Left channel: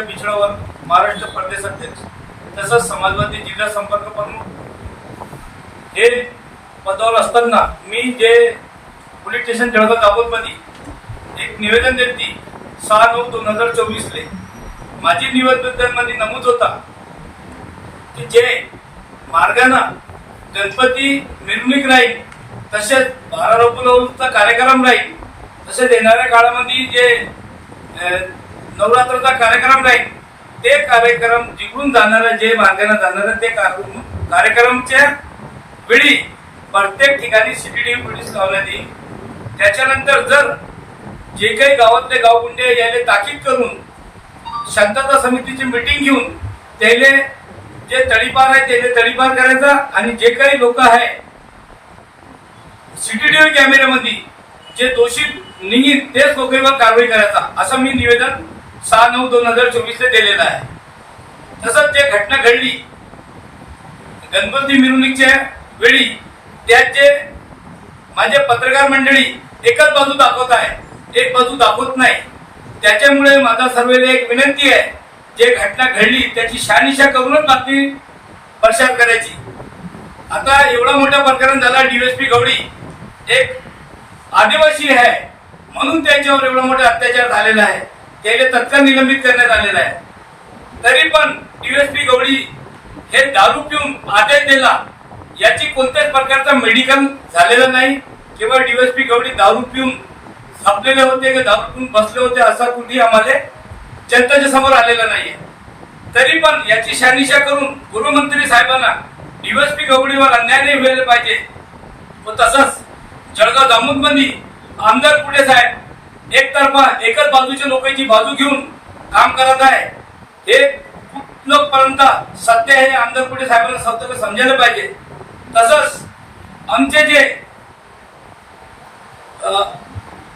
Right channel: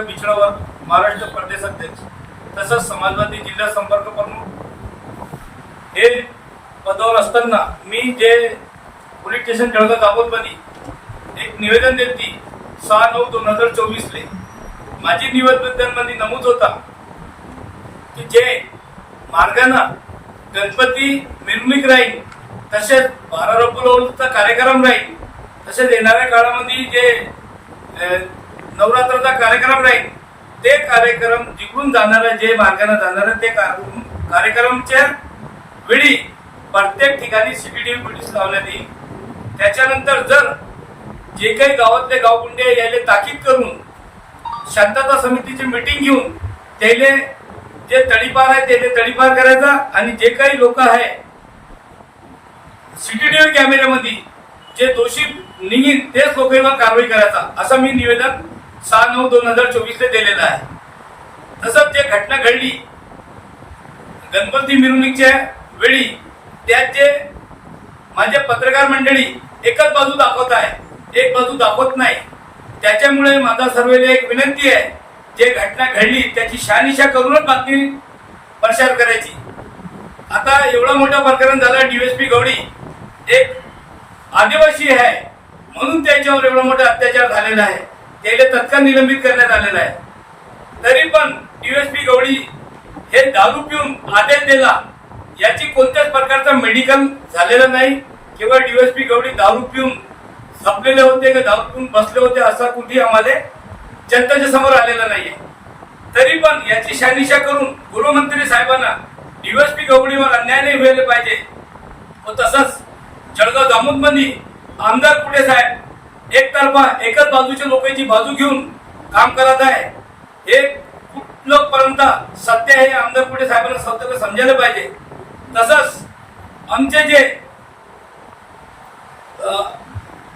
पिछडावर महाराष्ट्र प्रदेश अध्यक्ष तसंच समाजवादी जिल्हा संपर्क प्रमुख. हे पदावर असताना मी जे पोलीस स्टेशन जळगाव दाभोलमध्ये एक निवेदन देती सहा नऊ दोन हजार चोवीसले. माझी निवेदनामध्ये नमूद होता की जे मार्गानं गणपती मिरवणूक राहील तसेच बारा रोपलचा कार्यक्रम राहील तसेच येणाऱ्या काळामध्ये जे नवरात्राचा कार्यक्रम राहील ते कार्यक्रम जिकडून जाणारं जे मार्गाने जाणारं ते कार्यक्रमच्या वेळी प्रत्येक ठिकाणी सीसीटीव्ही पोलीस लावण्यात येईल त्याच्यानंतर जर जे काही गावातले गावगुंडे यायले ताकीद करून शांतता समितीची मिटिंग घेऊन त्याले जे तडीपार आहे त्याला तडीपार करायचा आणि जे काही लोक आहे सीसीटीव्ही कॅमेऱ्यामध्ये जे दोषी निघील तेच लोकांवर कारवाई करायचा असं मी निवेदन सहा नऊ दोन हजार चोवीसला दिलेलं आहे. तसंच जे घटना घडली गणपती मिरवणुकीच्या वेळी त्यात जे माझे पत्रकार मंडळी एकच बाजू दाखवत आहे एक बाजू दाखवत नाही. त्याच्यामुळे माझा सर्वेला एक विनंती आहे जे घटना घडली त्याची शहानिशा करूनच बातमी प्रसार करायची. आता एवढा मोठा प्रकरण झाला डीएसपी गवडी एक आदिवासी आहे. म्हणून त्यांच्यावर एवढा मोठा अत्याचार झालेला आहे. त्याला तत्काळ निलंबित करण्यात आलेला आहे. तरी पण डीएसपी गवळी हे दारू पिऊन आदेश दिला याची कोणत्याच प्रकारचा मेडिकल झालेला नाही. किंवा डीएसपी गवळी दारू पिऊन झपलेले होते का दारू पिऊन बसले होते असा कुठेही आम्हाला जनतेच्या समोर आलेला नाहीये. तरी पण याची शहानिशा करून गृहमंत्री साहेबांना डीएसपी गवळीवर अन्याय नाही व्हायला पाहिजे. व तसंच जळगाव दामोदमध्ये आमदार पुढे साहेब एकतर्फा एकच बाजूच्या लोकांची बाजू घेऊन काम करत आहे. हे कुठलोपर्यंत सत्य हे आमदार कुठे साहेबांना सत्य समजायला पाहिजे. तसंच आमचे जे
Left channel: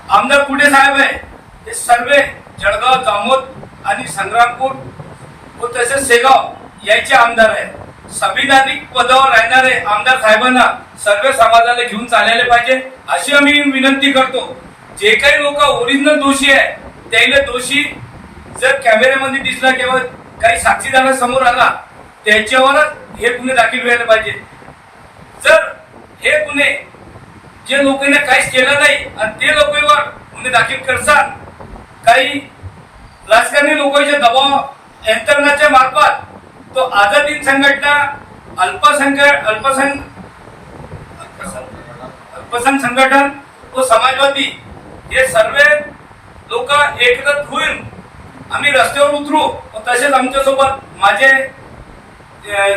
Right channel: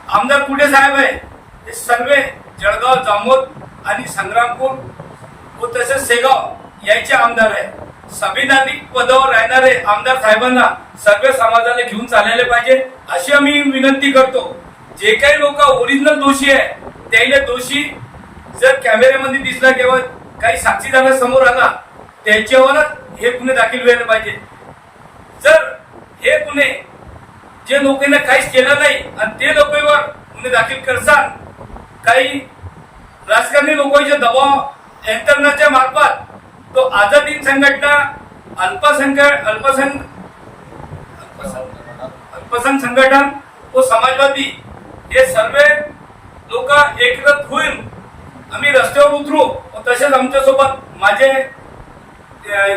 आमदार कुठे साहेब आहे ते सर्व जळगाव जामोद आणि संग्रामपूर व तसेच सेगाव याचे आमदार आहे संविधानिक पदावर राहणारे आमदार साहेबांना सर्व समाजाला घेऊन चालायला पाहिजे अशी आम्ही विनंती करतो. जे काही लोक ओरिजिनल दोषी आहे त्याला दोषी जर कॅमेऱ्यामध्ये दिसला किंवा काही साक्षीदार समोर आला त्यांच्यावरच हे गुन्हे दाखल व्हायला पाहिजे. जर हे गुन्हे जे लोकांना काहीच केलं नाही आणि ते लोकांवर गुन्हे दाखल करसान काही राजकारणी लोकांच्या दबाव यंत्रणाच्या मार्फत तो आझादी संघटना अल्पसंख्य अल्पसंख अल्पसंख्य संघटन व समाजवादी हे सर्व लोक एकत्र होईल आम्ही रस्त्यावर उतरू व तसेच आमच्यासोबत माझे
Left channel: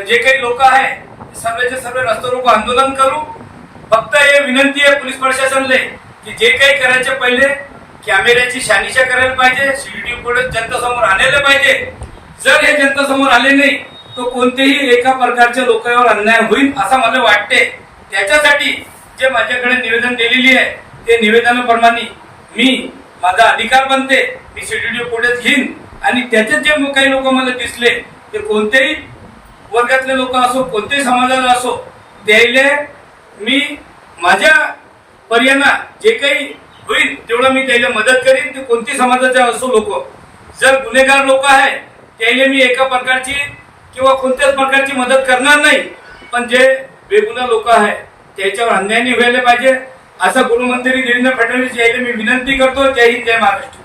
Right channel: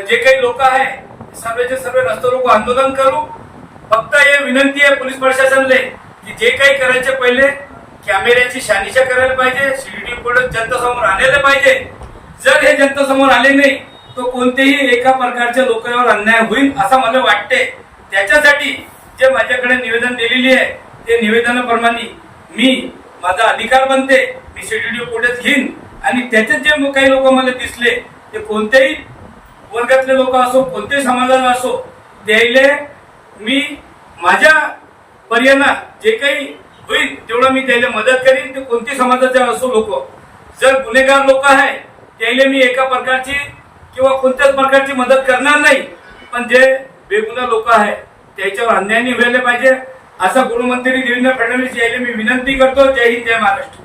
जे काही लोक आहे सर्वचे सर्व रस्त्यावर रोको आंदोलन करू. फक्त हे विनंती आहे पोलीस प्रशासनले की जे काही करायचे पहिले कॅमेऱ्याची शानिशा करायला पाहिजे सीसीटीव्ही फुटेज जनतेसमोर आणायला पाहिजे. जर हे जनतेसमोर आले नाही तो कोणतेही एका प्रकारच्या लोकांवर अन्याय होईल असं मला वाटते त्याच्यासाठी जे माझ्याकडे निवेदन दिलेली आहे ते निवेदनाप्रमाणे मी माझा अधिकार बनते मी सीसीटीव्ही पुढेच घेईन. आणि त्याच्यात जे काही लोक मला दिसले ते कोणत्याही वर्गातले लोक असो कोणत्याही समाजाला असो त्याले मी माझ्या पर्याना जे काही होईल तेवढं मी त्याला मदत करीन. ते कोणती समाजाचे असो लोक. जर गुन्हेगार लोक आहे त्याला मी एका प्रकारची किंवा कोणत्याच प्रकारची मदत करणार नाही पण जे बेगुना लोक आहे त्याच्यावर अन्याय व्हायला पाहिजे. असा गृहमंत्री देवेंद्र फडणवीस यायला मी विनंती करतो. जय हिंद जय महाराष्ट्र.